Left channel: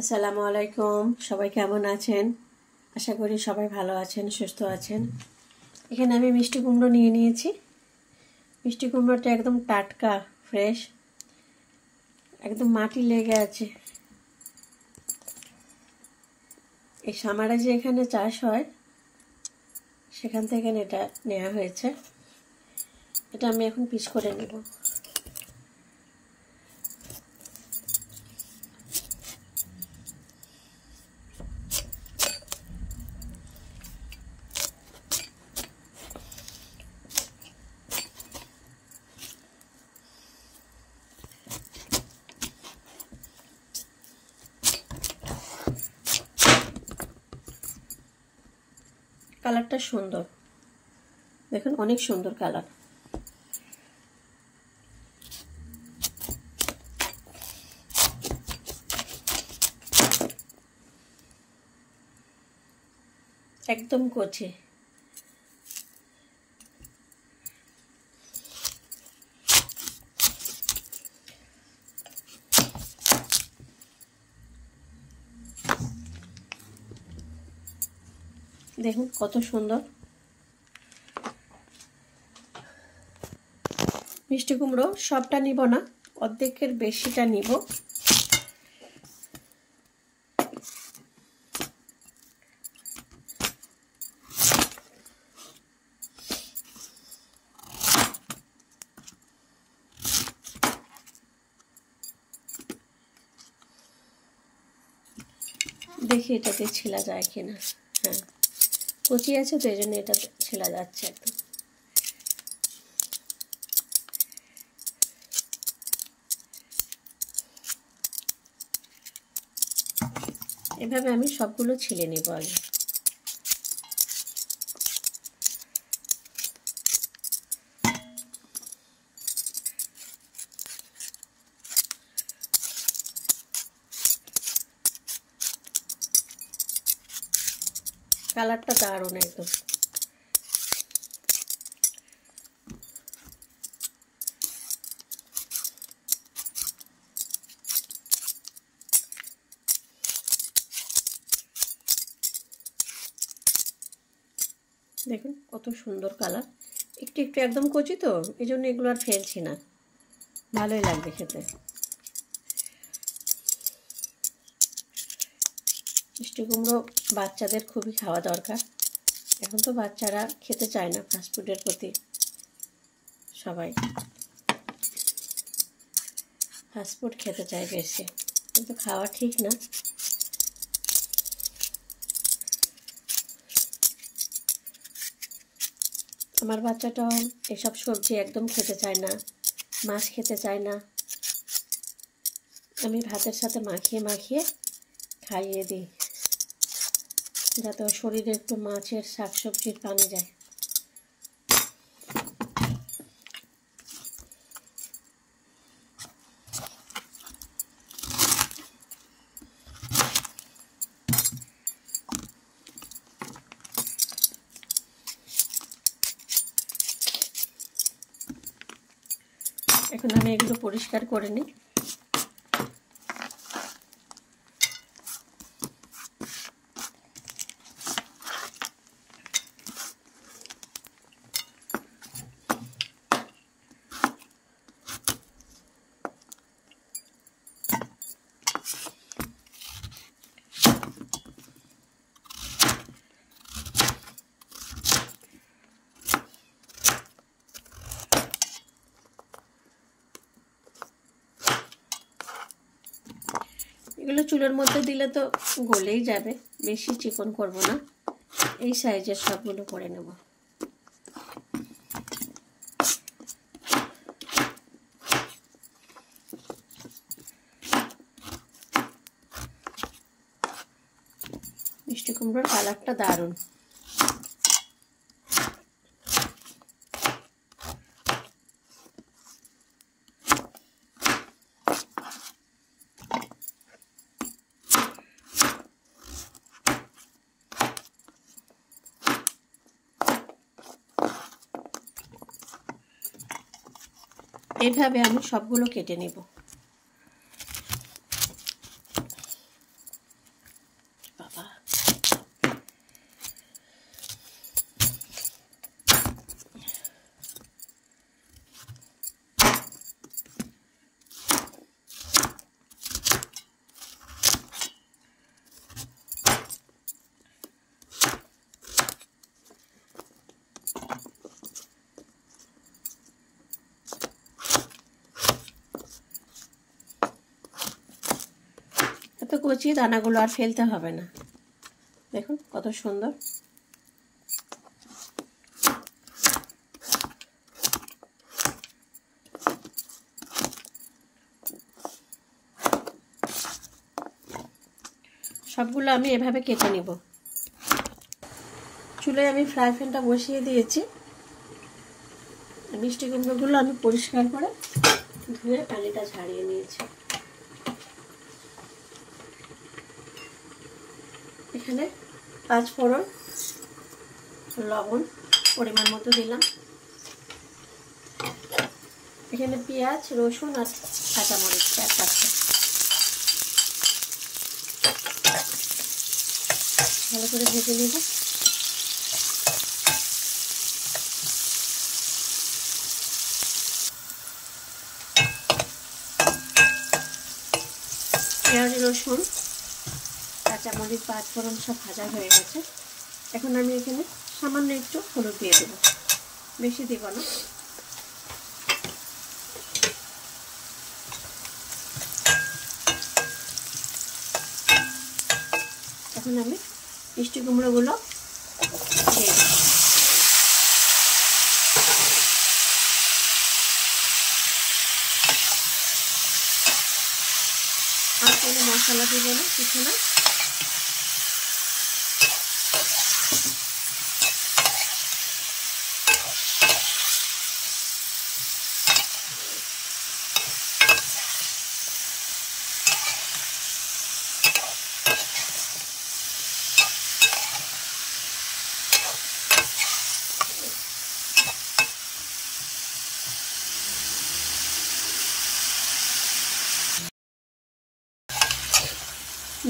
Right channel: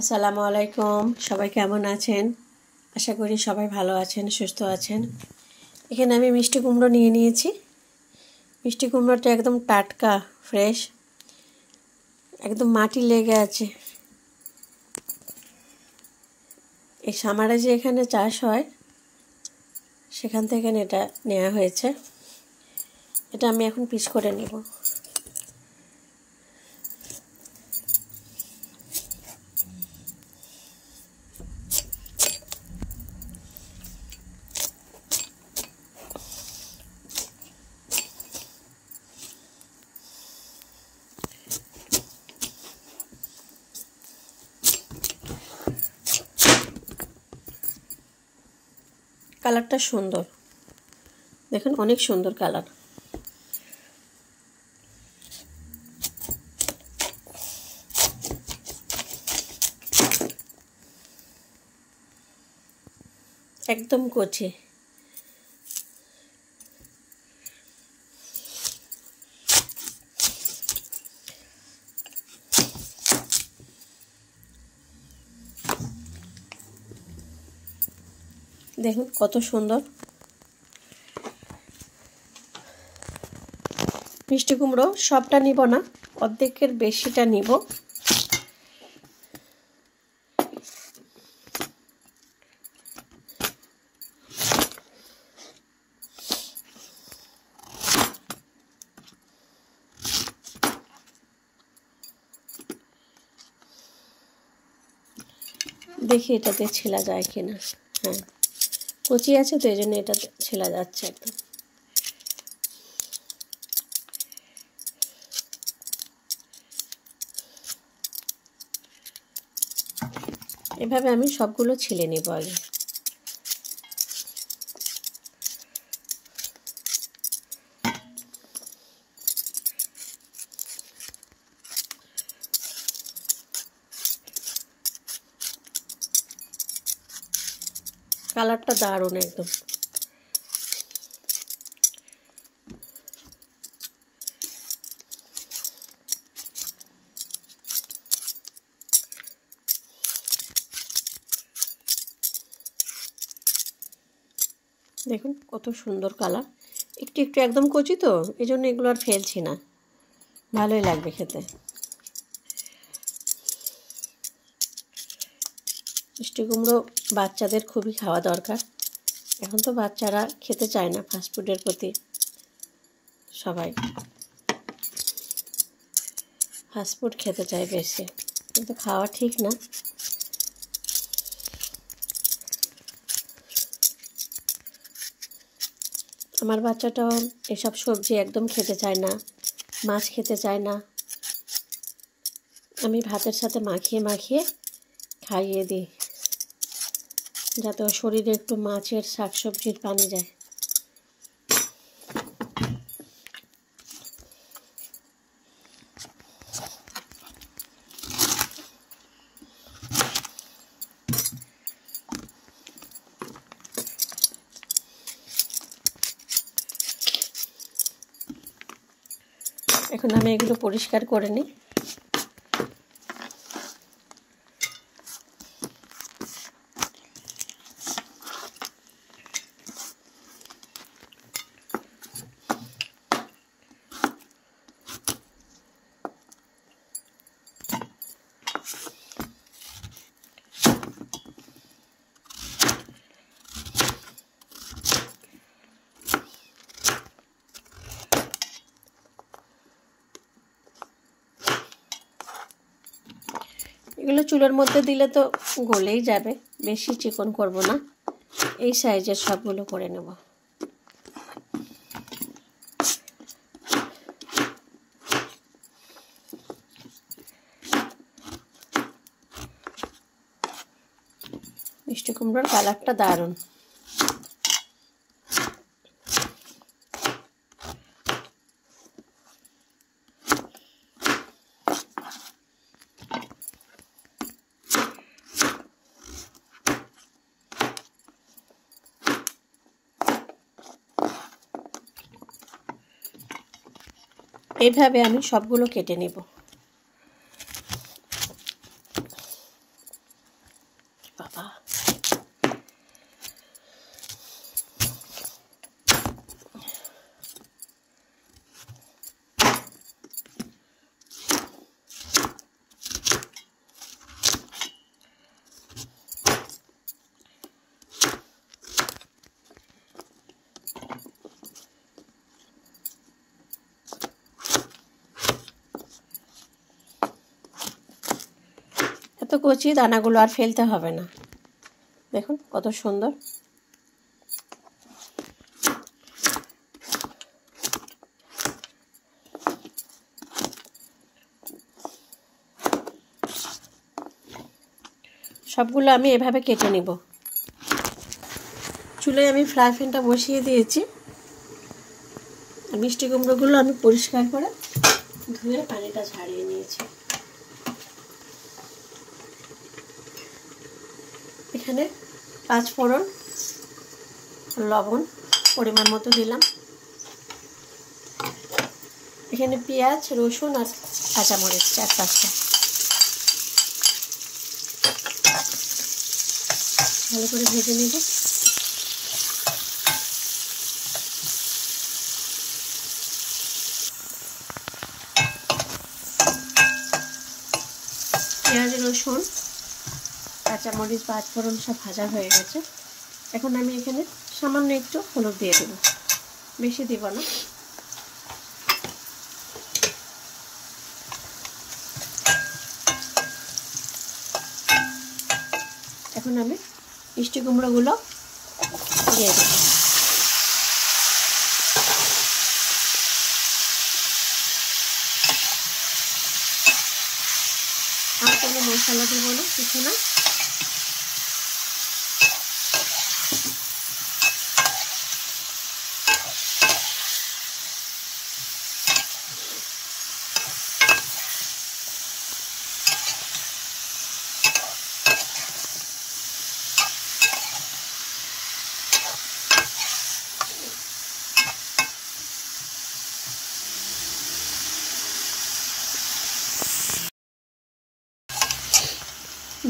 আসসালামু আলাইকুম। সবাই কেমন আছেন? আশা করি সবাই ভালো আছেন, সুস্থ আছেন। এখানে আমি মিষ্টি কুমড়ো নিয়ে নিয়েছি। মিষ্টি কুমড়োটা একদম টাটকা, ফ্রেশ, একদম মাটি লেগে আছে। এই সামারে যে এখানে চাষ হয় সেখান থেকে এটা নেওয়া হয়েছে। এটা আমি এখন পিস করে নেব। কালারটা সুন্দর, দেখুন অনেক সুন্দর কালার। একদম কচি। দেখুন কত সুন্দর। মিষ্টি কুমড়ো সবটা নিব না, অর্ধেকের বেশিটা নিব। দেখি এটাতে ছেলা যায় কিনা। হ্যাঁ, কচি আছে তো এই জন্য এটা ছেলা যাচ্ছে একদম। এভাবে আমি সবগুলো ছিলে নেব আগে। কালারটা দারুণ একদম। দেখুন কত সুন্দর কালার। একটু একটু একদম কচি তো এই জন্য এগুলো আর ফেলছি না, ভালোই লাগবে খেতে। মিষ্টি কুমড়ো বাচ্চাদের খুবই খাওয়া দরকার। এখন তো বাচ্চারা খেতে চায় না, ফাস্টফুডের প্রতি সবাই ফাস্টফুড খেতে চায় বেশি, কিন্তু খাওয়া ঠিক না। আমার বাচ্চাটাও এসব সবজি একদম খেতে চায় না, মাছ খেতে চায় না। আমি ভাতের সাথে মাখিয়ে মাখিয়ে খাইয়ে দিই, যাতে ওর শরীরে একটু মাছের শাকসবজির পানি যায়। এখন আমি এগুলো পরিষ্কার করে নিই। এগুলো চুলের মধ্যে দিলে তো গলেই যাবে, বেশি চিকন করব না, এই সাইজের সবগুলো করে নেব। মিষ্টি কুমড়োর কালারটা দারুণ। এইভাবে আমি সবগুলো কেটে নেব। তো কচি, দানাগুলো আর ফেলতে হবে না। দেখুন কত সুন্দর। সবগুলো আমি এভাবে কেটে নিব। চুলায় আমি ফ্রাই প্যানটা বসিয়ে দিয়েছি। মিষ্টি কুমড়োগুলো আমি পরিষ্কার করে ধুয়ে পানিটা ঝাড়িয়ে নিয়েছি। এখানে 5 ফোড়ন, লবণ পরিমাণ মতো দিলাম। এখানে পেঁয়াজ, রসুন আর কাঁচামরিচ 4-5টা ভালো করে ভেজে নেব। পেঁয়াজ, রসুন, কাঁচামরিচ, 5 ফোড়ন সব ভাজা হয়ে গেছে। এখন আমি এখানে সামান্য একটু হলুদ দিয়ে দেব, বেশি দেব না। এখন আমি মিষ্টি কুমড়োগুলো দিয়ে দেব। আর কোনো মশলা দেব না, কিছু না।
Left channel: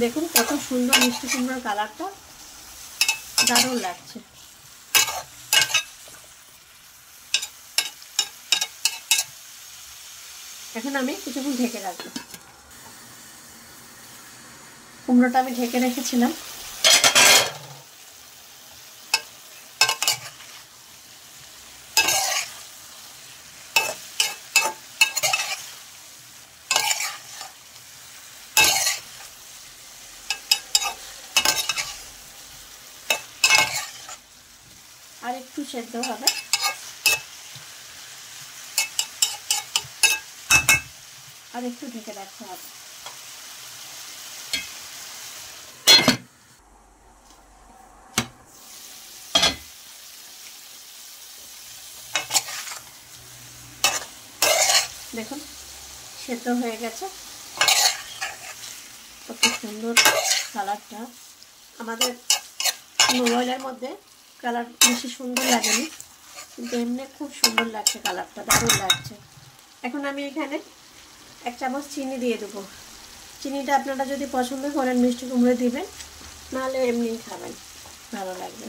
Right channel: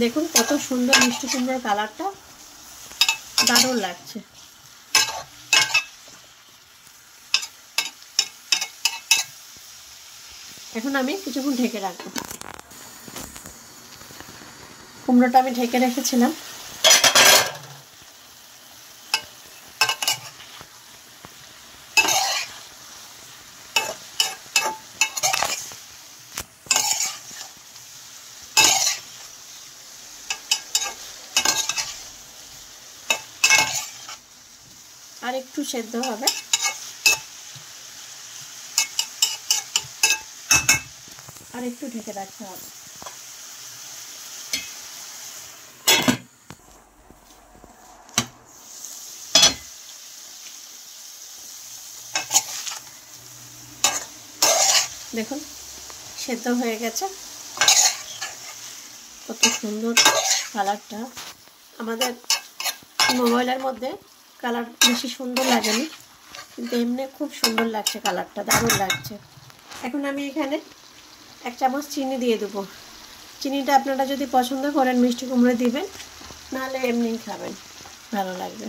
দেখুন কত সুন্দর মিষ্টি কুমড়োর কালারটা, দারুণ লাগছে। এখন আমি কিছুক্ষণ ঢেকে রাখবো। কুমড়োটা আমি ঢেকে রেখেছিলাম। আর একটু সেদ্ধ হবে। আর একটু ঢেকে রাখতে হবে। দেখুন সেদ্ধ হয়ে গেছে। কত সুন্দর কালারটা। আমাদের মোবাইলের মধ্যে কালার বেশি সুন্দর লাগেনি, কিন্তু এমনি খুব সুন্দর লাগছে কালারটা, দারুণ লাগছে। এখন আমি এখানে 1 চামচ চিনি দিয়ে দেবো। চিনিটা আপনারা যদি পছন্দ করেন মিষ্টি কুমড়ো দিবেন, নাহলে এমনিই খাবেন, ভালো লাগবে।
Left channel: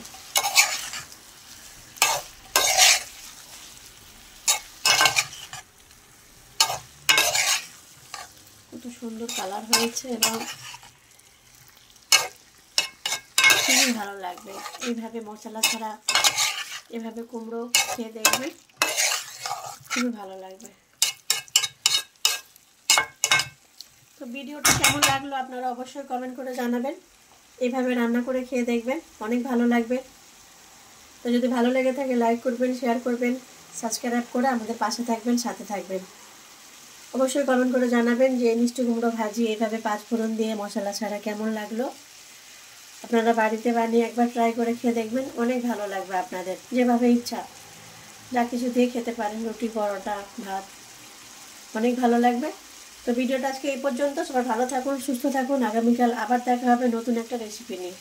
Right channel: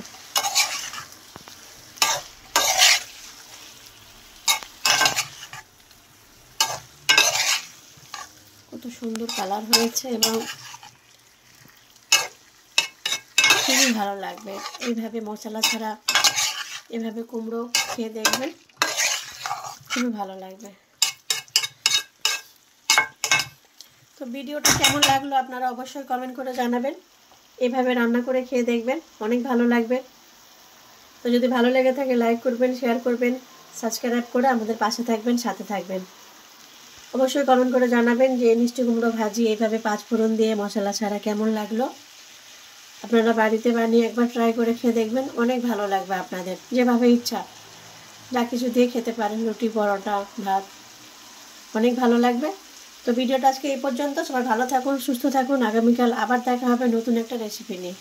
কত সুন্দর কালার হয়েছে এবং খুবই ভালো লাগবে। এইভাবে মশলা ছাড়া এভাবে কুমড়ো খেয়ে দেখবেন, খুবই ভালো লাগবে। তো ভিডিওটা কেমন লাগলো আপনারা অবশ্যই কমেন্ট করে জানাবেন। এভাবে রান্না করে খেয়ে দেখবেন, অনেক ভালো লাগবে। তো যদি ভালো লেগে থাকে লাইক করবেন, শেয়ার করবেন, সাবস্ক্রাইব করে আমাদের পাশে থাকবেন, সাথে থাকবেন। অবশ্যই কমেন্ট করে জানাবেন যে মিষ্টি কুমড়ো ভাজি এইভাবে 5 ফোড়ন দিয়ে মশলা ছাড়া কেমন লাগলো। আপনারা বাড়িতে বানিয়ে একবার ট্রাই করে খেয়ে দেখবেন, অনেক ভালো লাগবে আপনাদের। যেভাবে ইচ্ছা যা কিছু দিয়ে খেতে পারেন, রুটি, পরোটা, ভাত, অনেক ভালো লাগবে। তো ভিডিওটা আজকে এই পর্যন্ত। সবাই ভালো থাকুন, সুস্থ থাকুন। আগামীকাল আবার দেখা হবে নতুন একটা রেসিপি নিয়ে।